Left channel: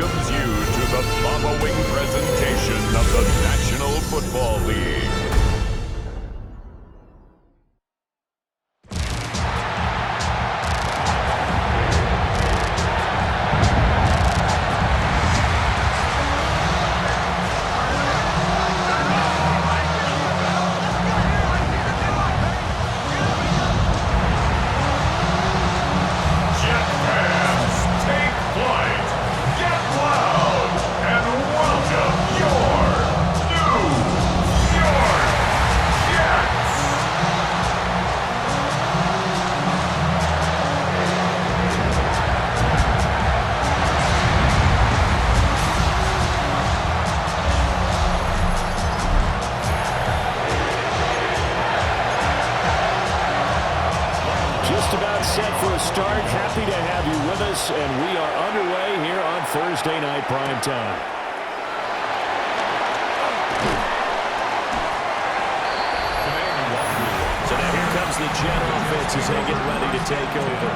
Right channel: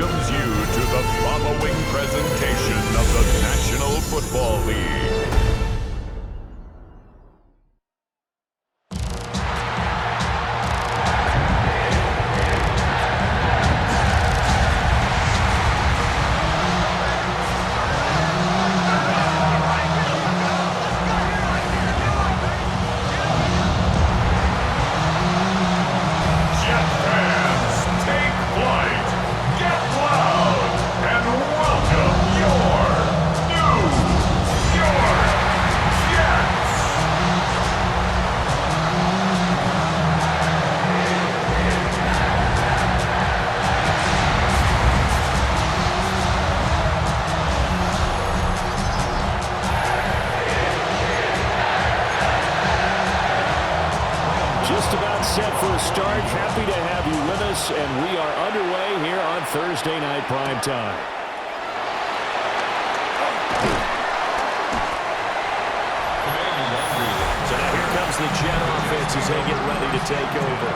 welcomes you to the following presentation of the National Football League. Jet fans, take flight, get loud, and welcome your New York Jets! Just about set for a start. Happy to have you with us, and we are underway here on Thursday Night Primetime. So now here comes the Jet offense as they get ready to take over.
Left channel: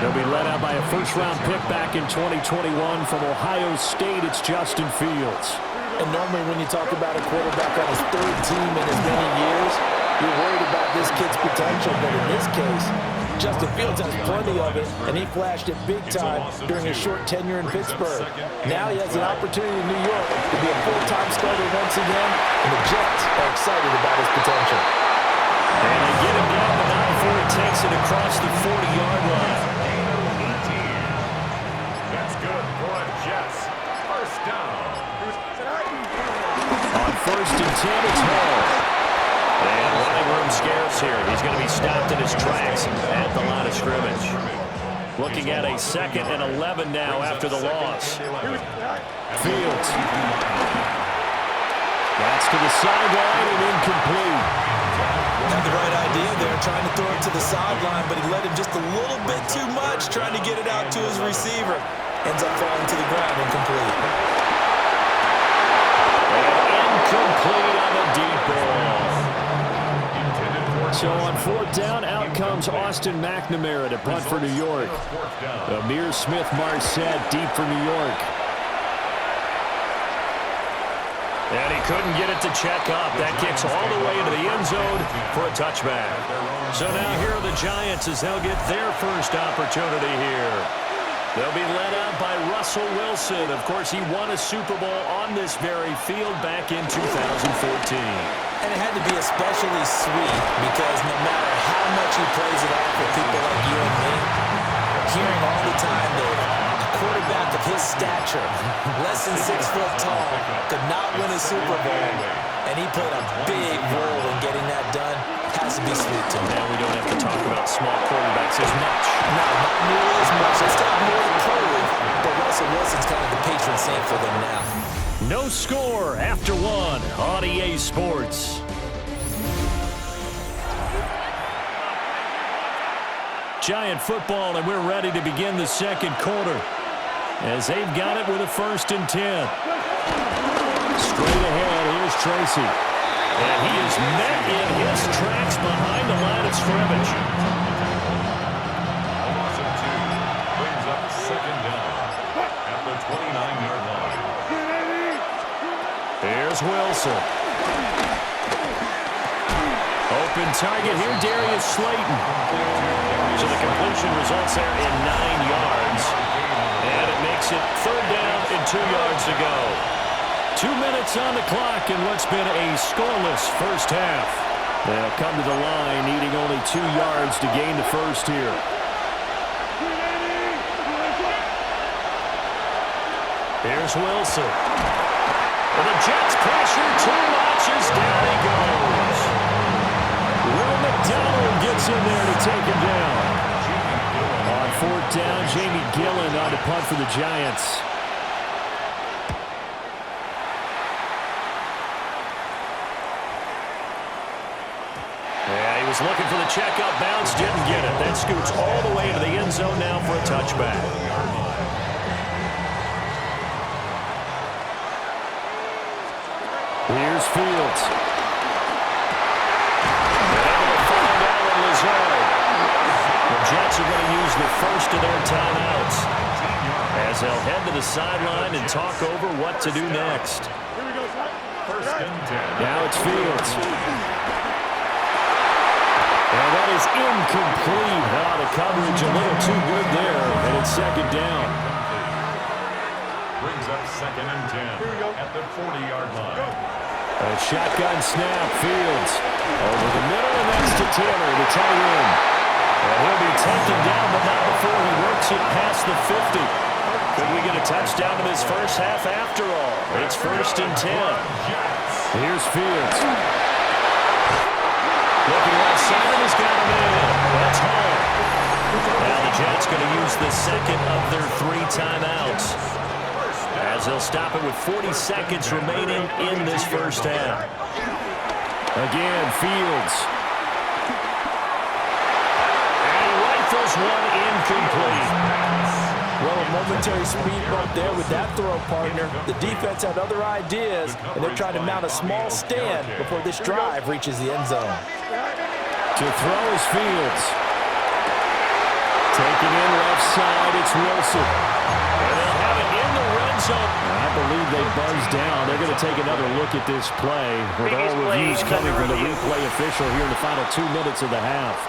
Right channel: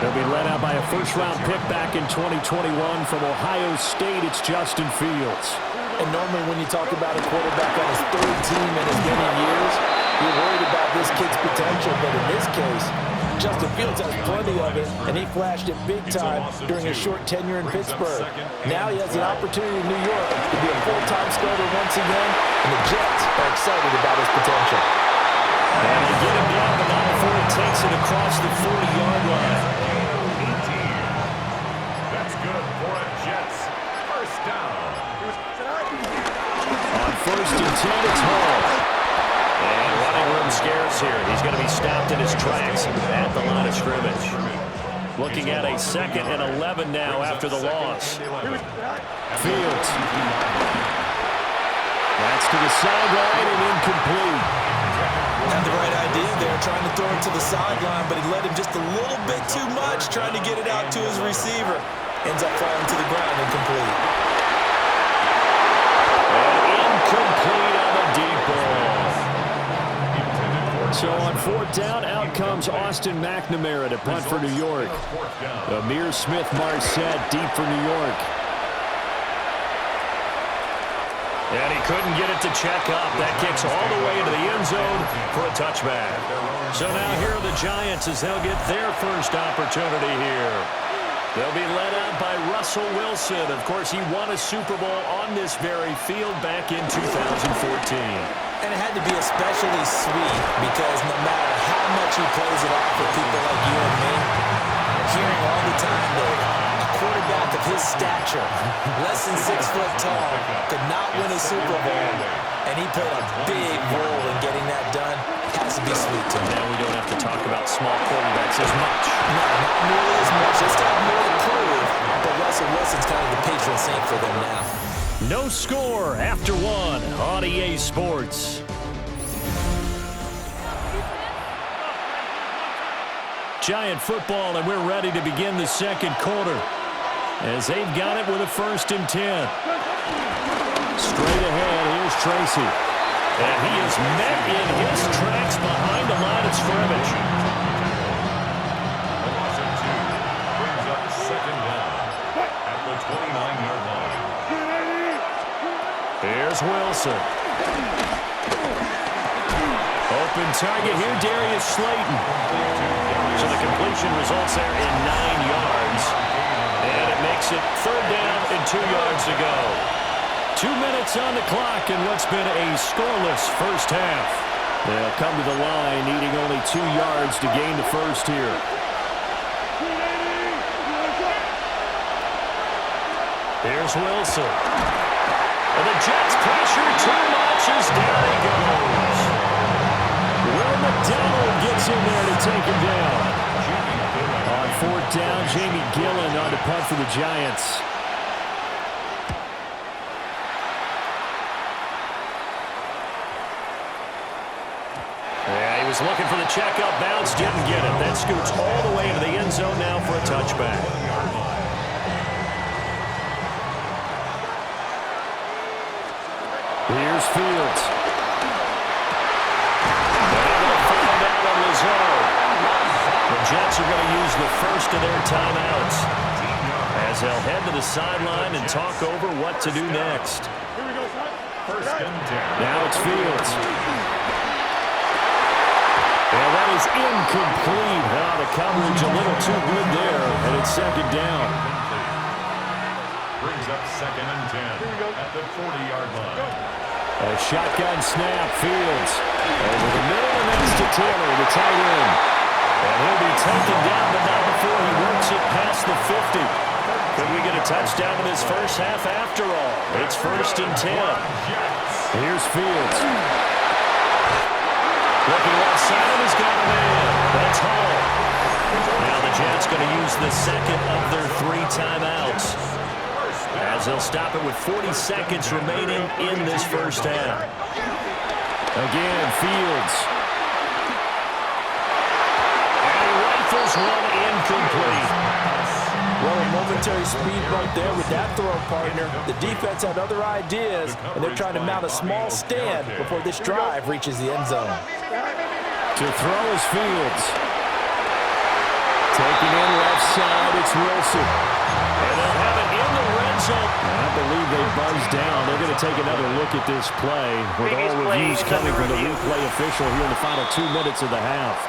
They'll be led out by a first-round pick back in 2021 from Ohio State. It's Justin Fields. And normally when you talk about a quarterback on his third team in as many years, you're worried about this kid's potential, but in this case, Justin Fields has plenty of it, and he flashed it big time during his short tenure in Pittsburgh. Now he has an opportunity in New York to be a full-time starter once again, and the Jets are excited about his potential. And they get him down, but not before he takes it across the 40-yard line. That's good for a Jets first down. On 1st and 10, it's Hall. And running room scarce here. He's going to be stopped in his tracks at the line of scrimmage. Looking at a 2nd and 11 now after the loss. Fields. That's to the sideline and incomplete. Had the right idea there, trying to throw it to the sideline, but he let him just a little bit too much, trying to get it out to his receiver. Ends up falling to the ground, incomplete. And incomplete on the deep ball. So on 4th down, out comes Austin McNamara to punt for New York. Amir Smith-Marset deep for New York. And he couldn't get it to check up. That kicks all the way into the end zone for a touchback. So now here are the Giants as they'll get their first opportunity here. They'll be led out by Russell Wilson. Of course, he won a Super Bowl on this very field back in 2014. And it had to be especially sweet because no matter how much he plays it off with people like you and me, hearing all the time that a quarterback of his stature, less than 6 foot tall, could not win a Super Bowl, and he played a big role in getting that done, has to be sweet to him. Now we don't have to talk about small quarterbacks as much. No, not nearly as much. They still have more to prove, but Russell Wilson's kind of the patron saint for them now. No score after 1 on EA Sports. Giant football, and we're ready to begin the second quarter as they've got it with a 1st and 10. Straight ahead, here's Tracy. And he is met in his tracks behind the line of scrimmage. A loss of 2 brings up 2nd down at the 29-yard line. Here's Wilson. Open target here, Darius Slayton. So the completion results there in 9 yards. And it makes it 3rd down and 2 yards to go. 2 minutes on the clock in what's been a scoreless first half. They'll come to the line needing only 2 yards to gain the first here. Here's Wilson. And the Jets pressure too much as down he goes. Will McDonald gets in there to take him down. On 4th down, Jamie Gillen on to punt for the Giants. Yeah, he was looking for the checkup bounce, didn't get it. That scoots all the way into the end zone now for a touchback. Here's Fields. They're able to find Allen Lazard. The Jets are going to use the first of their timeouts. as they'll head to the sideline and talk over what to do next. First and 10. Now it's Fields. And that is incomplete. The coverage a little too good there, and it's second down. Brings up second and 10 at the 40-yard line. A shotgun snap, Fields. Over the middle, and that's to Taylor, the tight end. And he'll be taken down, but not before he works it past the 50. Could we get a touchdown in this first half after all? It's first and 10. Here's Fields. Looking left side, and he's got him in. That's Hall. Now the Jets going to use the second of their 3 timeouts, as they'll stop it with 40 seconds remaining in this first half. Again, Fields. And he rifles one incomplete. Well, a momentary speed bump there with that throw, partner. The defense had other ideas, and they're trying to mount a small stand before this drive reaches the end zone. To throw is Fields. Taking in left side, it's Wilson. And they'll have it in the red zone. I believe they buzzed down. They're going to take another look at this play, with all reviews coming from the replay official here in the final 2 minutes of the half.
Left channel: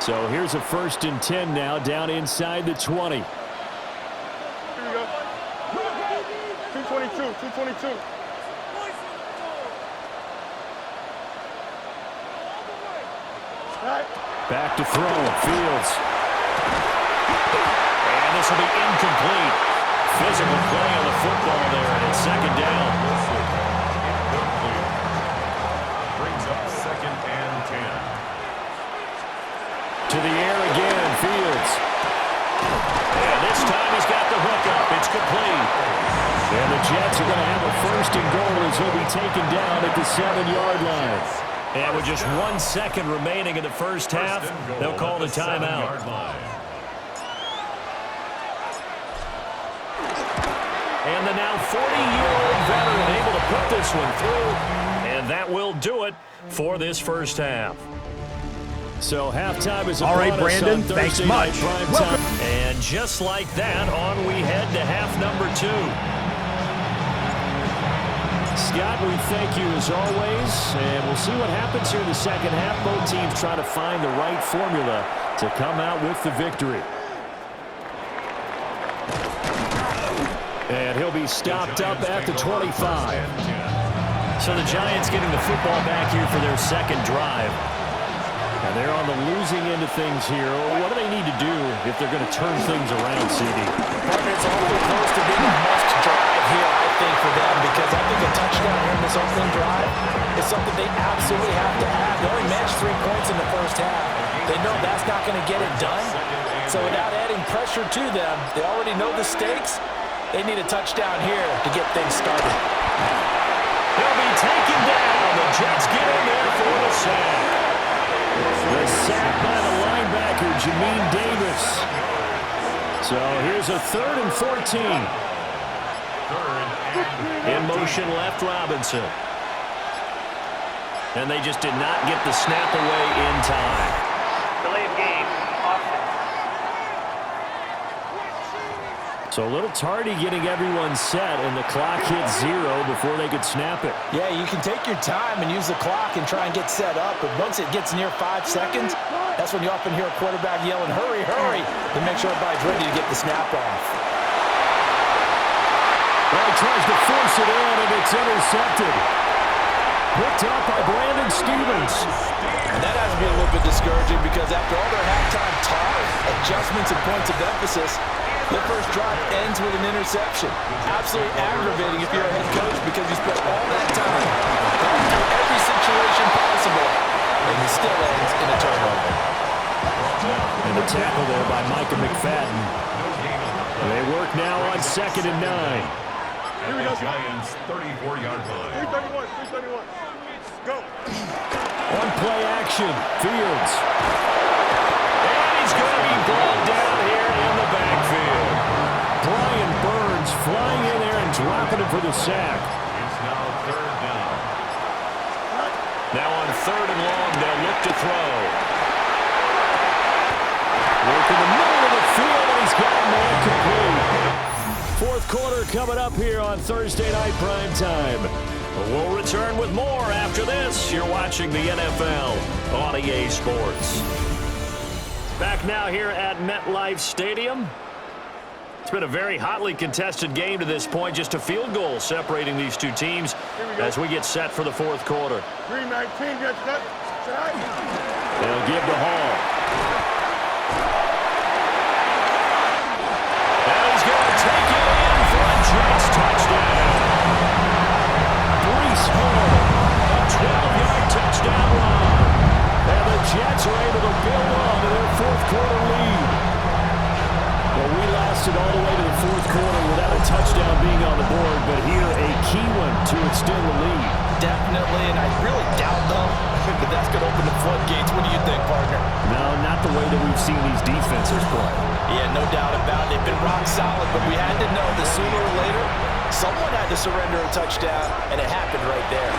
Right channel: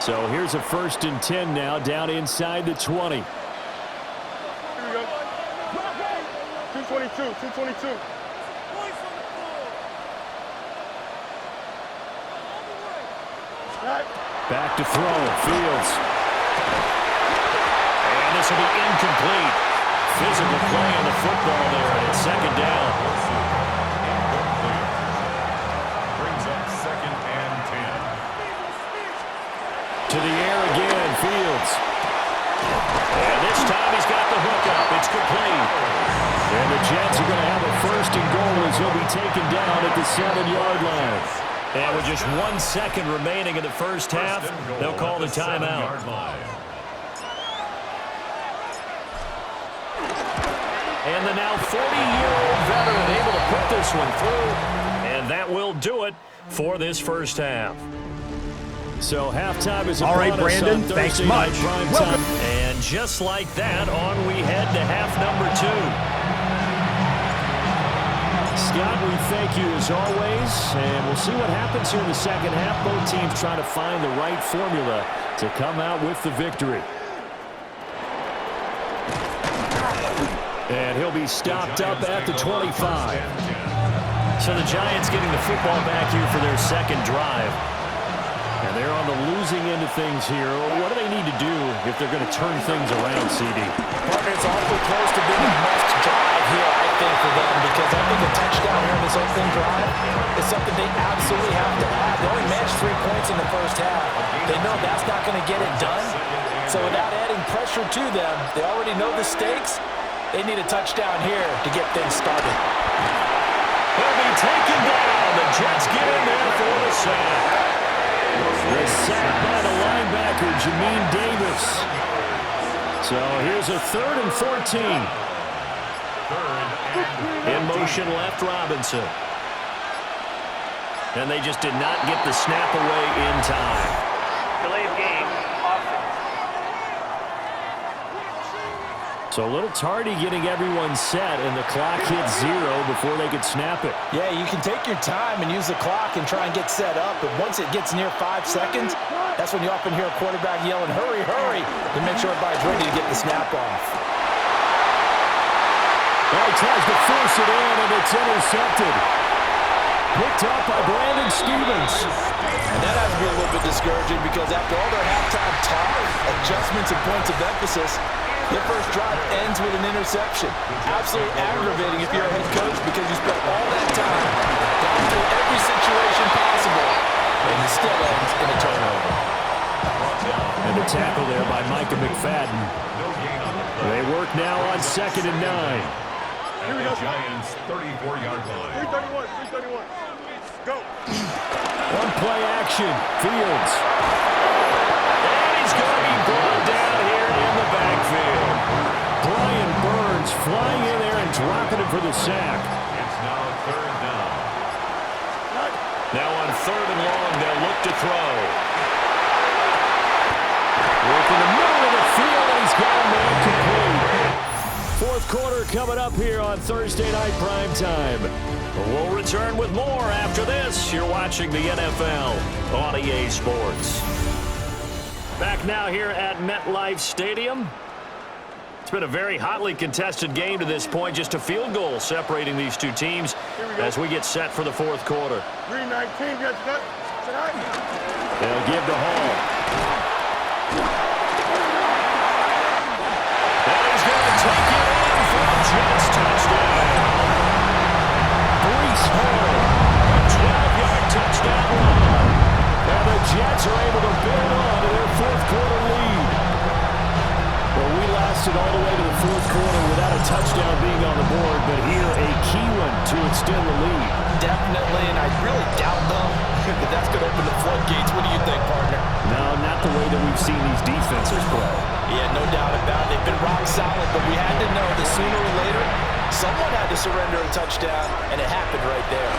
So here's a first and 10 now, down inside the 20. Here we go. 222, 222. Back to throw, Fields. And this will be incomplete. Physical play on the football there, and it's second down. Incomplete. Brings up second and 10. To the air again, Fields. And this time he's got the hook up. It's complete. And the Jets are going to have a first and goal as he'll be taken down at the 7-yard line. And with just 1 second remaining in the first half, they'll call the timeout. And the now 40-year-old veteran able to put this one through. And that will do it for this first half. So halftime is all right, Brandon. Thanks much. Welcome. And just like that, on we head to half number 2. Scott, we thank you as always, and we'll see what happens here in the second half. Both teams trying to find the right formula to come out with the victory. And he'll be stopped up at the 25. So the Giants getting the football back here for their second drive. And they're on the losing end of things here. What do they need to do if they're going to turn things around, CD? Partner, it's awfully close to being a must drive here, I think, for them, because I think a touchdown here in this opening drive is something they absolutely have to have. They only managed 3 points in the first half. They know that's not going to get it done. So without adding pressure to them, they already know the stakes. They need a touchdown here to get things started. He'll be taken down. The Jets get in there for the sack. The sack by the linebacker, Jamin Davis. So here's a 3rd and 14. In motion left, Robinson. And they just did not get the snap away in time. Delay of game, offense. So a little tardy getting everyone set, and the clock hits 0 before they could snap it. Yeah, you can take your time and use the clock and try and get set up, but once it gets near 5 seconds, that's when you often hear a quarterback yelling, hurry, hurry, to make sure everybody's ready to get the snap off. Well, he tries to force it in, and it's intercepted. Picked up by Brandon Stevens. And that has to be a little bit discouraging, because after all their halftime talk, adjustments, and points of emphasis, their first drive ends with an interception. Absolutely aggravating if you're a head coach, because you spent all that time going through every situation possible, and it still ends in a turnover. And the tackle there by Micah McFadden. They work now on 2nd and 9. Here we go, Giants, 34-yard line. 331, 331. Go. One play action, Fields. And he's going to be brought down here in the backfield. Brian Burns flying in there and dropping him for the sack. It's now 3rd down. Now on 3rd and long, they'll look to throw. Work in the middle of the field, and he's got a man quarter coming up here on Thursday Night Primetime. We'll return with more after this. You're watching the NFL on EA Sports. Back now here at MetLife Stadium. It's been a very hotly contested game to this point. Just a field goal separating these two teams as we get set for the fourth quarter. 3-19, get that. They'll give to Hall. And he's going to take it in for a Jets touchdown. Breece Hall, a 12-yard touchdown run. And the Jets are able to build on to their fourth quarter lead. Well, we lasted all the way to the fourth quarter without a touchdown being on the board, but here a key one to extend the lead. Definitely, and I really doubt, though, that that's going to open the floodgates. What do you think, partner? No, not the way that we've seen these defenses play. Yeah, no doubt about it. They've been rock solid, but we had to know that sooner or later, someone had to surrender a touchdown, and it happened right there.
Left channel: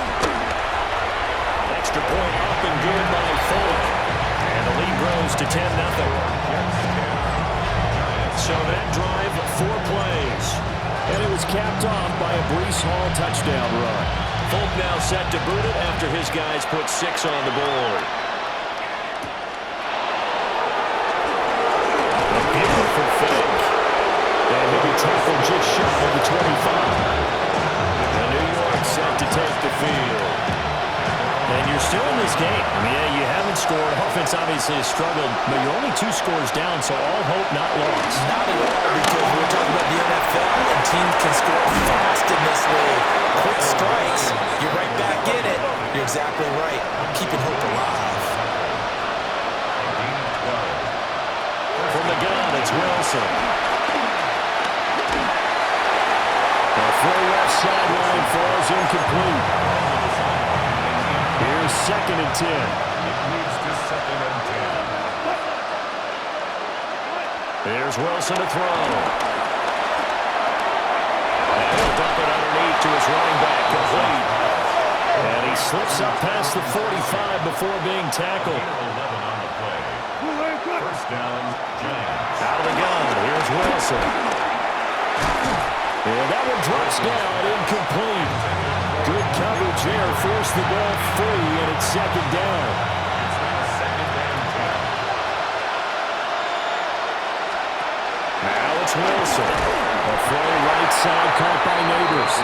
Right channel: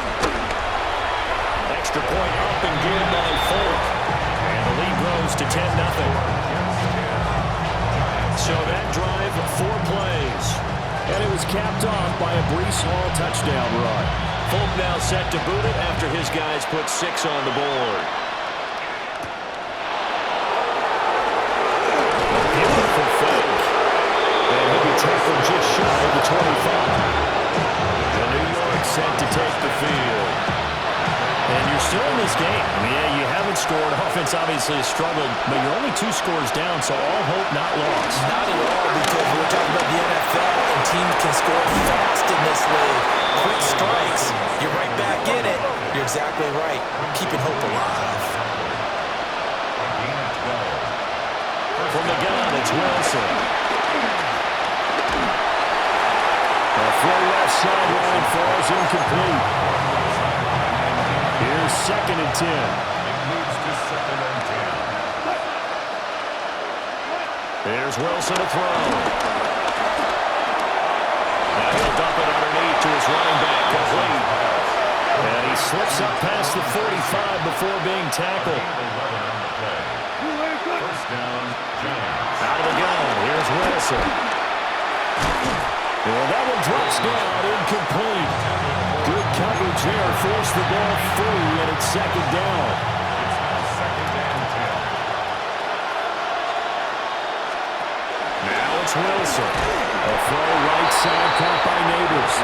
Extra point up and good by Folk. And the lead grows to 10-0. So that drive, 4 plays. And it was capped off by a Breece Hall touchdown run. Folk now set to boot it after his guys put 6 on the board. A beautiful fake. And he'll be tackled just shy of the 25. The New York set to take the field. And you're still in this game. I mean, yeah, you haven't scored. Offense obviously has struggled, but you're only 2 scores down, so all hope not lost. Not at all, because we're talking about the NFL, and teams can score fast in this league. Quick strikes, you're right back in it. You're exactly right. Keeping hope alive. From the gun, it's Wilson. The throw left sideline falls incomplete. Here's 2nd and 10. It leads to 2nd and 10. There's Wilson to throw. And he'll dump it underneath to his running back, complete. And he slips up past the 45 before being tackled. 11 on the play. First down, Giants. Out of the gun, here's Wilson. And that one drops down, incomplete. Good coverage there, forced the ball free, and it's 2nd down. It's now 2nd and 10. Now it's Wilson. A throw right side caught by Neighbors.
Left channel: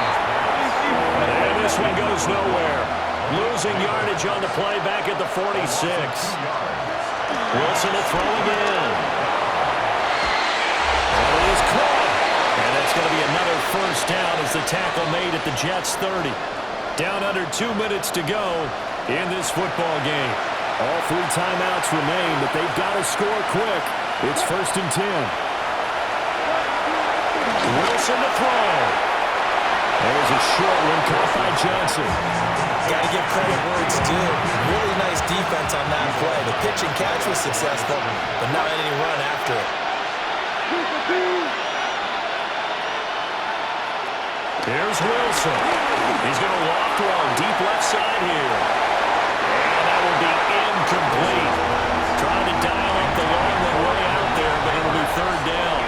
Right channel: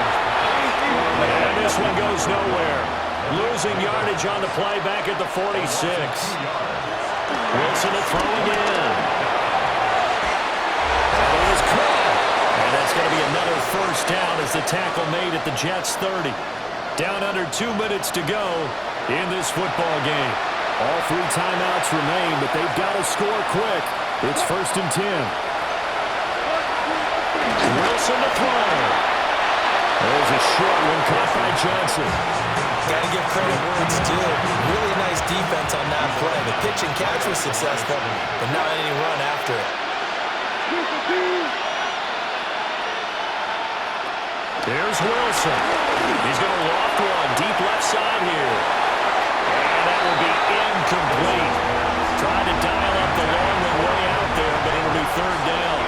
And this one goes nowhere. Losing yardage on the play back at the 46. Wilson to throw again. And it is caught. And that's going to be another first down as the tackle made at the Jets' 30. Down under 2 minutes to go in this football game. All 3 timeouts remain, but they've got to score quick. It's 1st and 10. Wilson to throw. There's a short one caught by Johnson. Got to give credit where it's due. Really nice defense on that play. The pitch and catch was successful, but not any run after it. Here's Wilson. He's going to loft one deep left side here. And that will be incomplete. Trying to dial up the long one way out there, but it'll be 3rd down.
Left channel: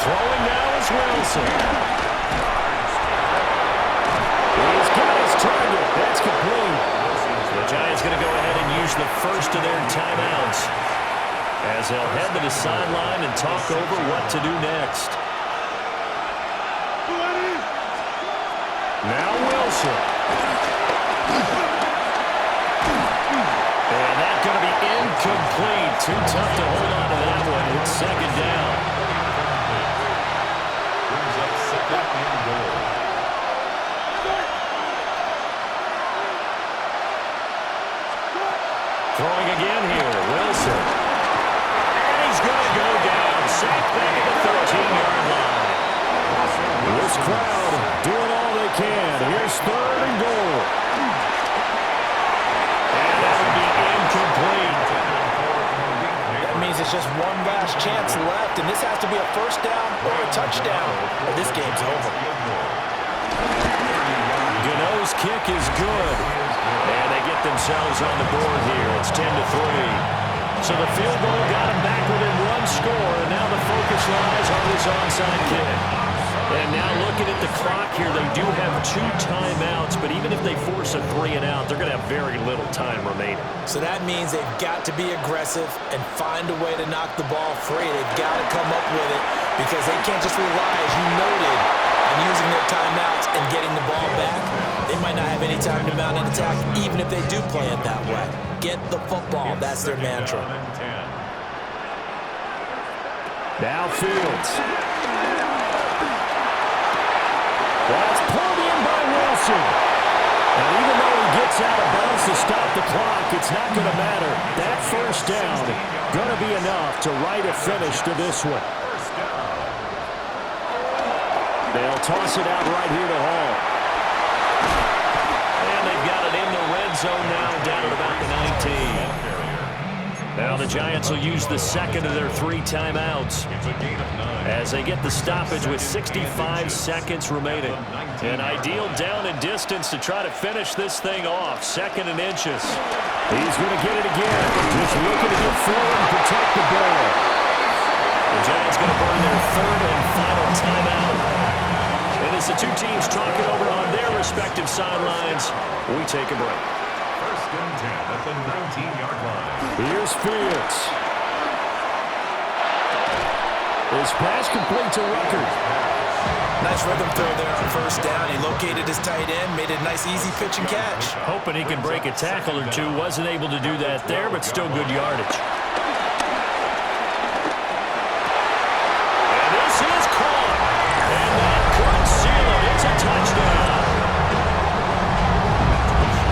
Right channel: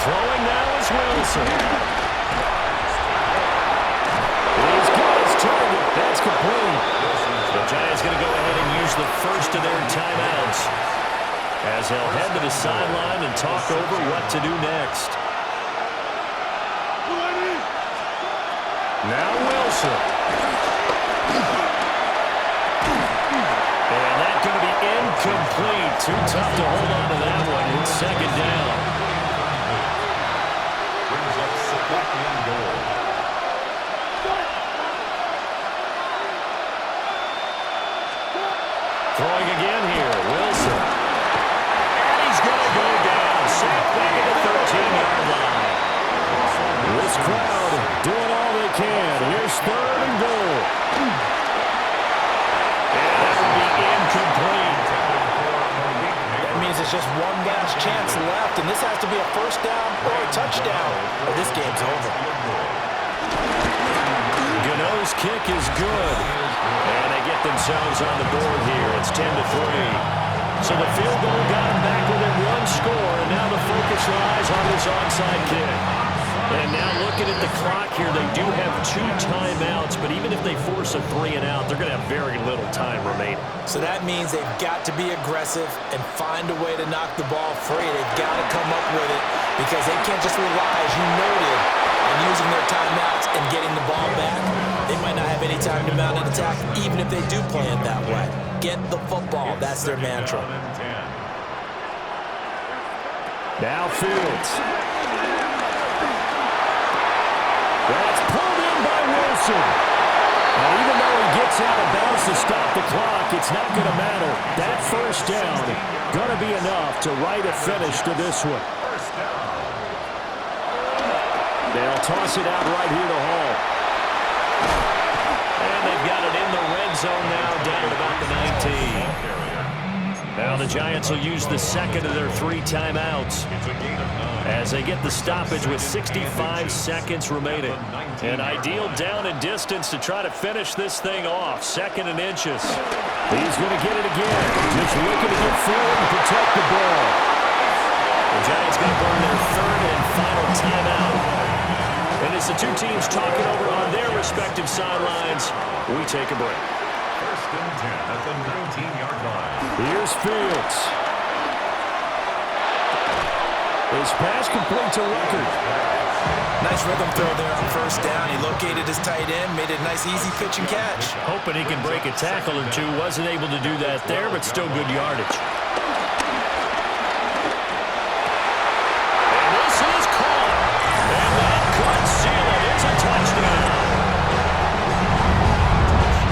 Throwing now is Wilson. He's got his target. That's complete. The Giants going to go ahead and use the first of their timeouts, as they'll head to the sideline and talk over what to do next. Now Wilson. And that's going to be incomplete. Too tough to hold on to that one. It's 2nd down. Brings up 2nd and goal. Throwing again here, Wilson. And he's going to go down. Sacked back at the 13-yard line. This crowd doing all they can. Here's 3rd and goal. And that will be incomplete. That means it's just one last chance left, and this has to be a first down or a touchdown, or this game's over. Gano's kick is good. And they get themselves on the board here. It's 10-3. So the field goal got him back within one score, and now the focus lies on this onside kick. And now looking at the clock here, they do have 2 timeouts, but even if they force a 3-and-out, they're going to have very little time remaining. So that means they've got to be aggressive and find a way to knock the ball free. They've got to come up with it because they can't just rely, as you noted, on using their timeouts and getting the ball back. They might not have any time to mount an attack, even if they do play it that way. Get the football. That's their mantra. Now Fields. That's pulled in by Wilson. And even though he gets out of bounds to stop the clock, it's not going to matter. That first down going to be enough to write a finish to this one. They'll toss it out right here to Hall. And they've got it in the red zone now, down at about the 19. Now the Giants will use the second of their 3 timeouts as they get the stoppage with 65 seconds remaining. An ideal down and distance to try to finish this thing off. 2nd and inches. He's going to get it again. Just looking to get forward and protect the ball. The Giants going to burn their 3rd and final timeout. And as the 2 teams talking over on their respective sidelines, we take a break. 1st and 10 at the 19-yard line. Here's Fields. His pass complete to Rucker. Nice rhythm throw there on 1st down. He located his tight end, made a nice easy pitch and catch. Hoping he can break a tackle or 2. Wasn't able to do that there, but still good yardage. And this is caught. And that could seal it. It's a touchdown.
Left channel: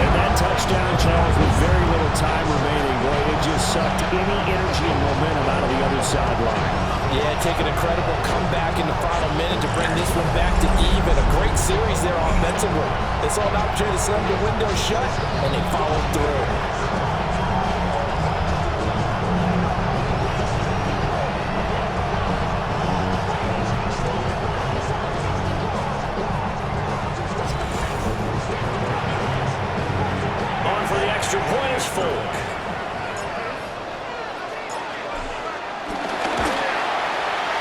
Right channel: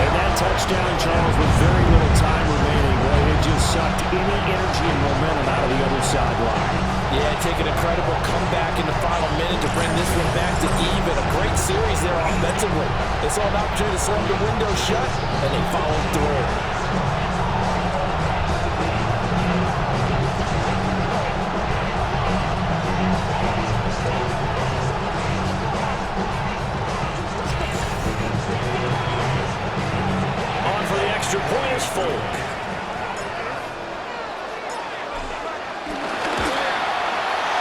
And that touchdown, Charles, with very little time remaining. Boy, it just sucked any energy and momentum out of the other sideline. Yeah, take an incredible comeback in the final minute to bring this one back to even. A great series there offensively. They saw an opportunity to slam the window shut, and they followed through. Extra point is Folk.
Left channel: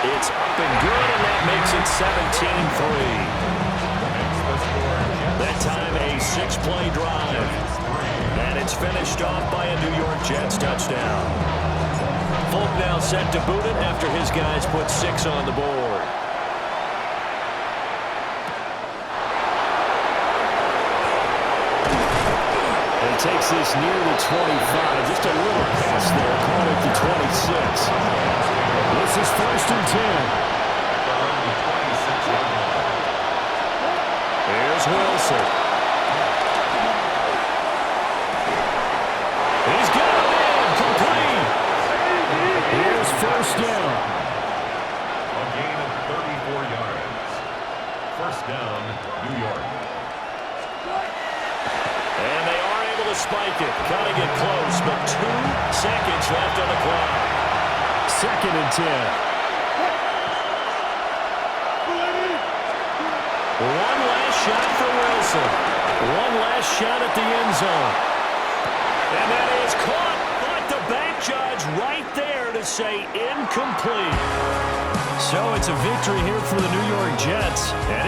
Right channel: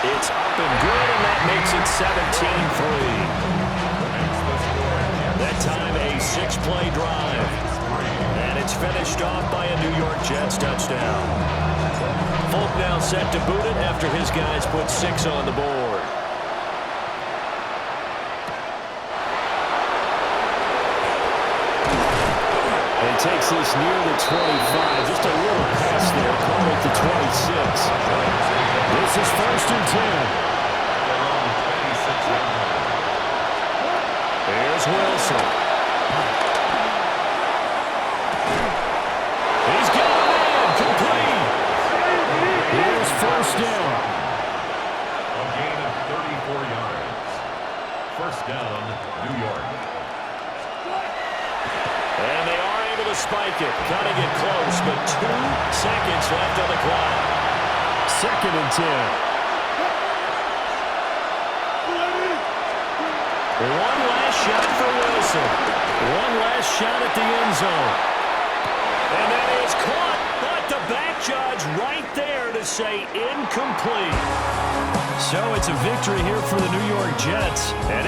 It's up and good, and that makes it 17-3. That time a 6-play drive. And it's finished off by a New York Jets touchdown. Folk now set to boot it after his guys put 6 on the board. And he takes this near the 25. Just a little pass there. Call it the 26. This is 1st and 10. Here's Wilson. He's got a man. Complete. Here's 1st down. A gain of 34 yards. 1st down, New York. And they are able to spike it, cutting it close, but 2 seconds left on the clock. 2nd and 10. One last shot for Wilson. One last shot at the end zone. And that is caught, but the back judge right there to say incomplete. So it's a victory here for the New York Jets. And